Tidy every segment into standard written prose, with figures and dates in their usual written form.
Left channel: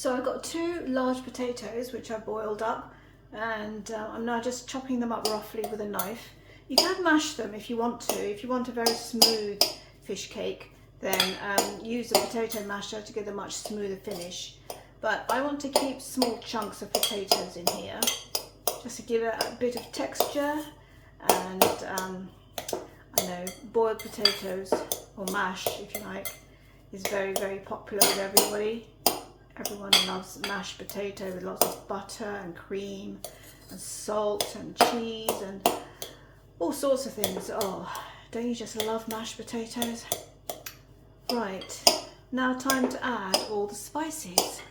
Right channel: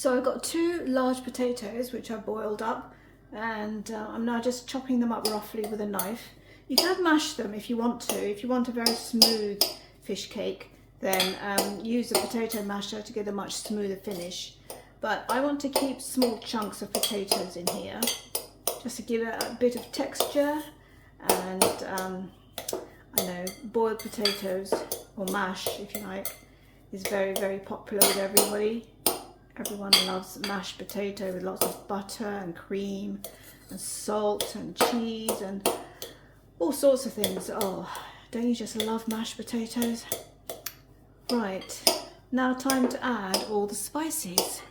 So I've got 2 large potatoes which I boiled up, and I'm now just chopping them up roughly with a knife. You can mash them if you want to. If you want a very smooth fish cake, then use a potato masher to get a much smoother finish. But I want to keep small chunks of potatoes in here, just to give it a bit of texture. And I know boiled potatoes, or mash if you like, is very, very popular with everybody. Everyone loves mashed potato with lots of butter and cream and salt and cheese and all sorts of things. Oh, don't you just love mashed potatoes? Right, now time to add all the spices.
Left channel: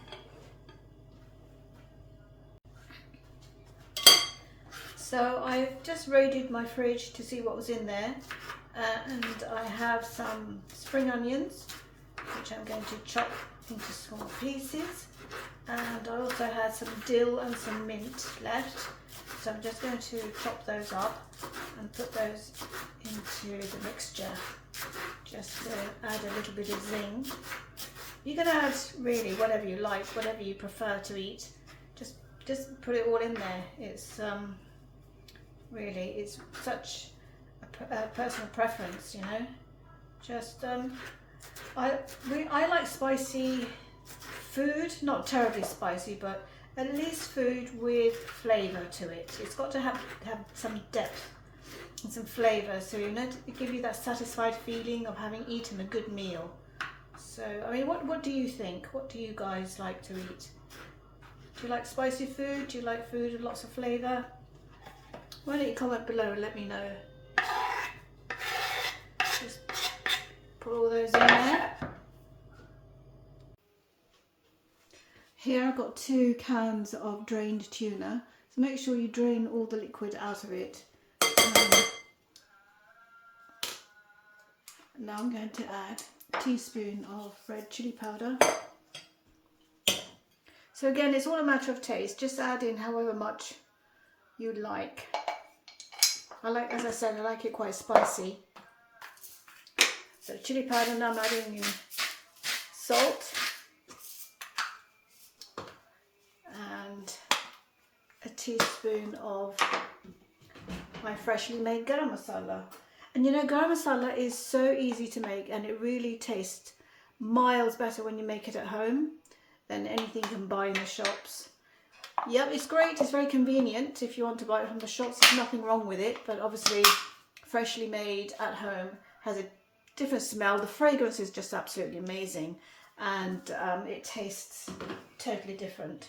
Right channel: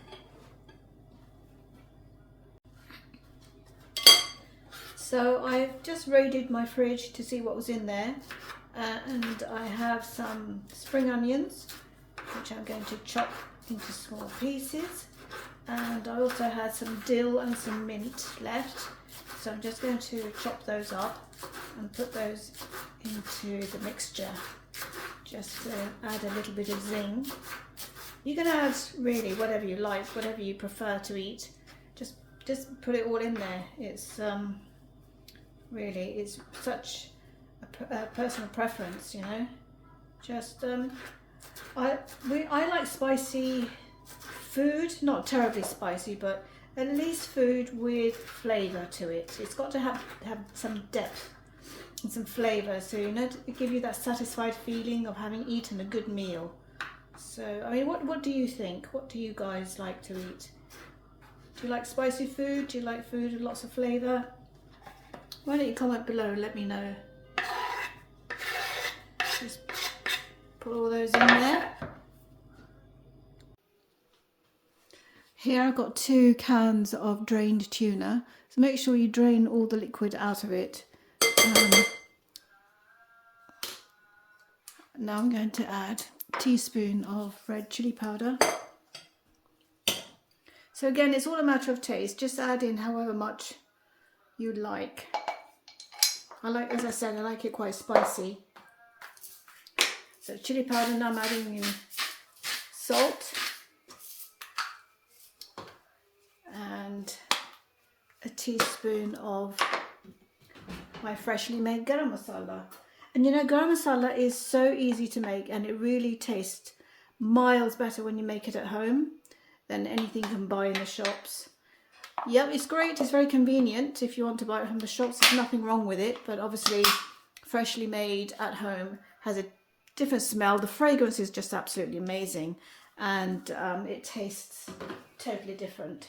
So I've just raided my fridge to see what was in there, and I have some spring onions, which I'm going to chop into small pieces, and I also had some dill and some mint left, so I'm just going to chop those up and put those into the mixture, just to add a little bit of zing. You can add really whatever you like, whatever you prefer to eat, just put it all in there. It's really, it's such a personal preference, you know. Just I like spicy food, not terribly spicy, but at least food with flavour to it. It's got to have some depth and some flavour, so you know, to give you that satisfied feeling of having eaten a good meal. So I mean, what do you think? What do you guys like to eat? Do you like spicy food? Do you like food with lots of flavour? Why don't you comment below and let me know. Just put all those in there. Here I've got 2 cans of drained tuna, so make sure you drain all the liquid out of it. Now I'm going to add a teaspoon of red chili powder. So again, it's all a matter of taste, just add in however much you like. As I said, I like it quite spicy. So chili powder, now I'm adding in salt and a teaspoon of my freshly made garam masala. And you know, garam masala is so easy to make, and it really tastes miles better when you make it at home than anything you can buy in the shops. Yep, it's great, it's very convenient if you want to buy it from the shops. There's nothing wrong with it, but obviously freshly made at home has a different smell. The fragrance is just absolutely amazing, and it tastes totally different.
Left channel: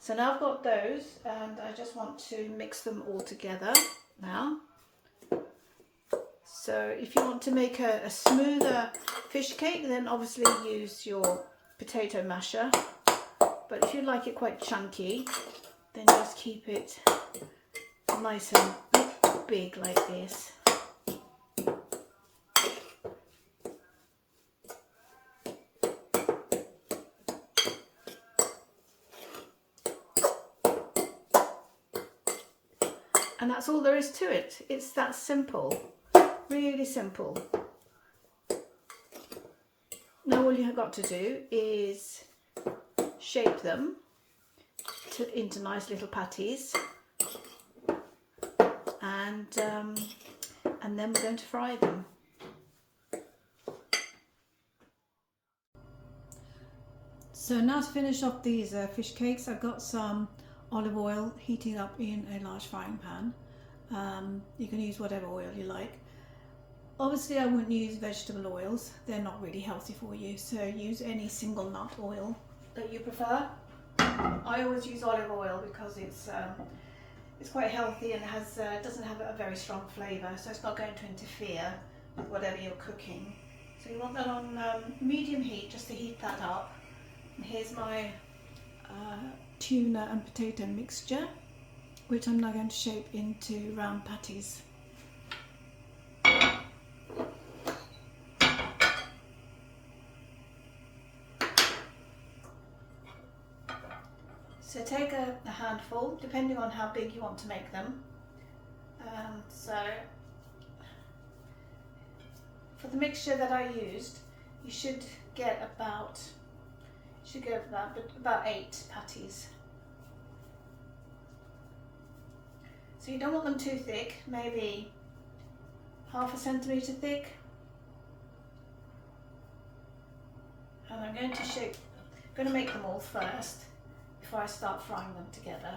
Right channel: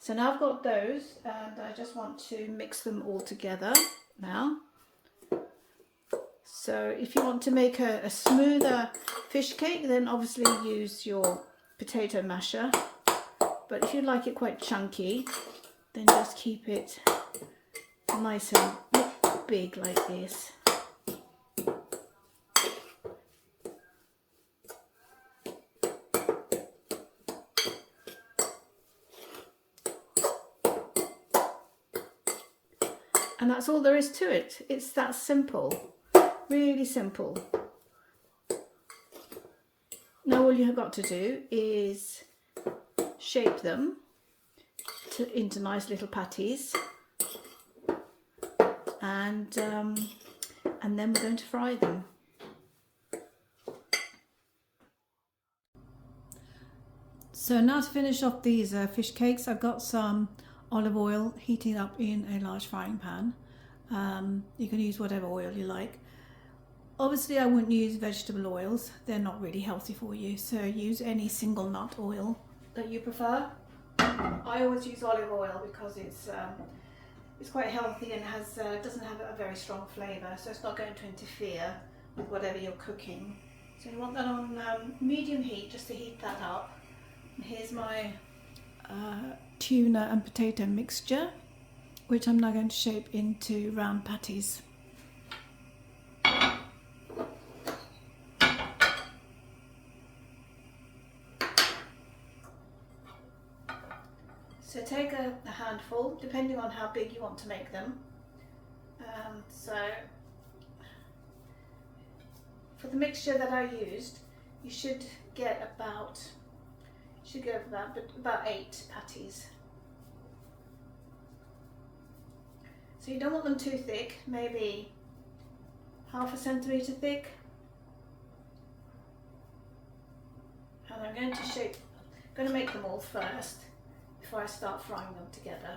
So now I've got those, and I just want to mix them all together now. So if you want to make a smoother fish cake, then obviously use your potato masher. But if you like it quite chunky, then just keep it nice and big like this. And that's all there is to it. It's that simple, really simple. Now all you have got to do is shape them into nice little patties, and then we're going to fry them. So now to finish off these fish cakes, I've got some olive oil heating up in a large frying pan. You can use whatever oil you like. Obviously I wouldn't use vegetable oils, they're not really healthy for you, so use any single nut oil that you prefer. I always use olive oil because it's quite healthy and it doesn't have a very strong flavour, so it's not going to interfere with whatever you're cooking. So you want that on medium heat, just to heat that up. And here's my tuna and potato mixture, which I'm now going to shape into round patties. So take a handful, depending on how big you want to make them. So for the mixture that I used, you should get about Should go for that, but about 8 patties. So you don't want them too thick, maybe half a centimetre thick. And I'm going to make them all first before I start frying them together.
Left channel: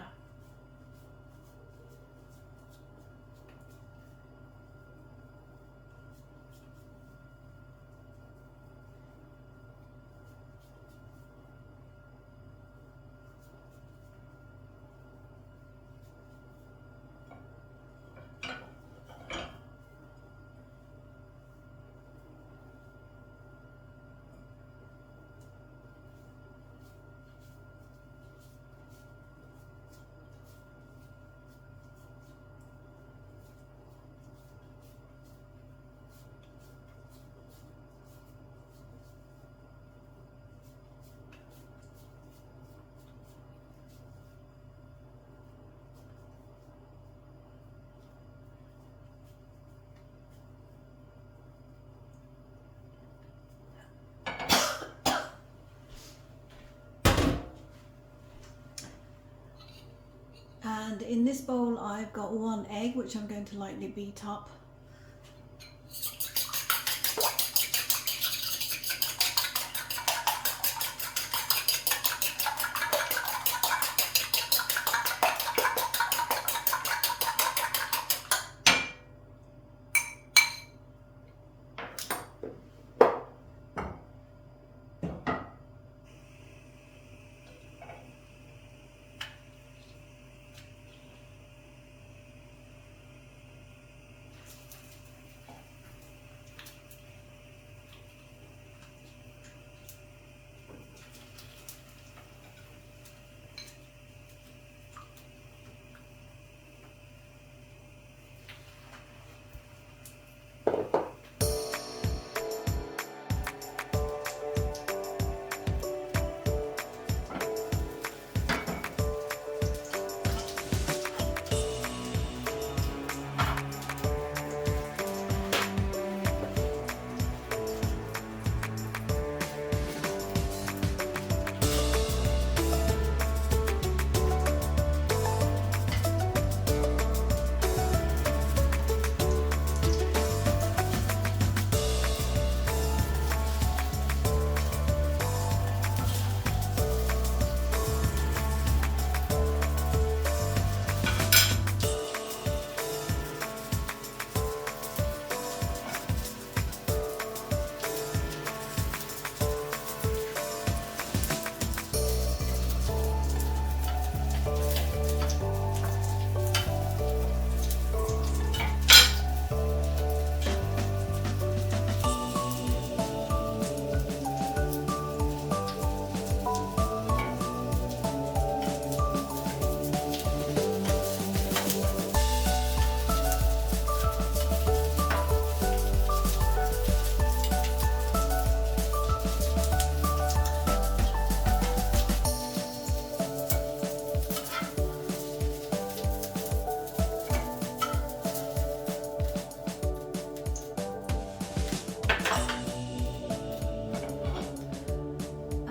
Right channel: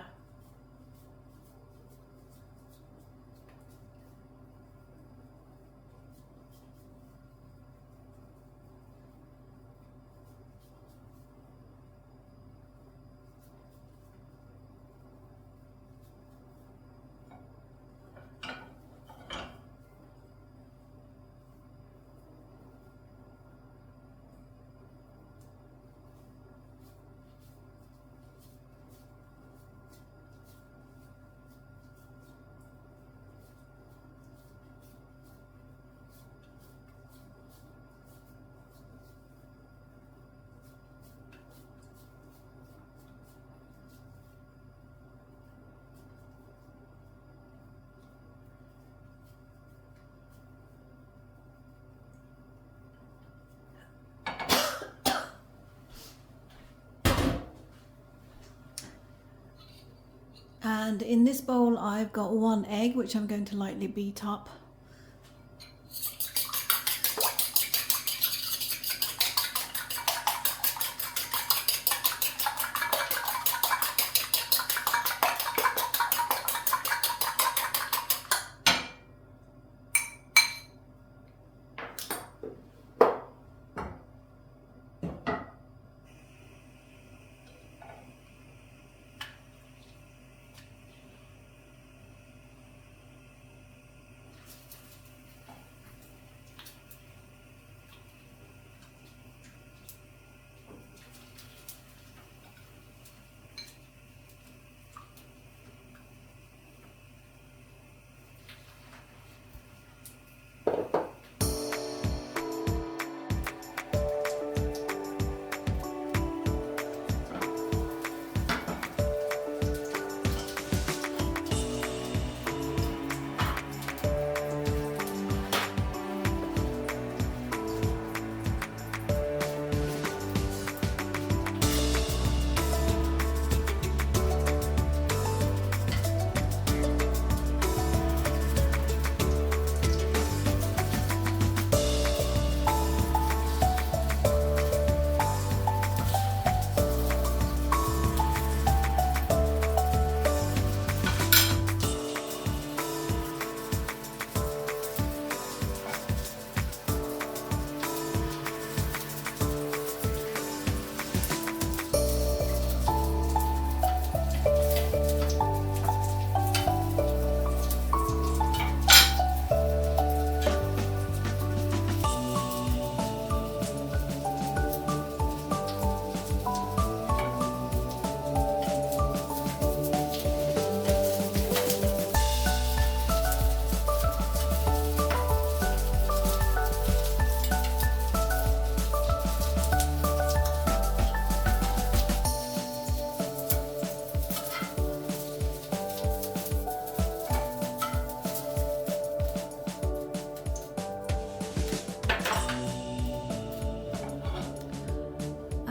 And in this bowl I've got 1 egg, which I'm going to lightly beat up.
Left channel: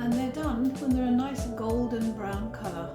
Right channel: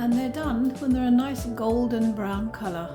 And they're done, and they're a nice golden brown colour.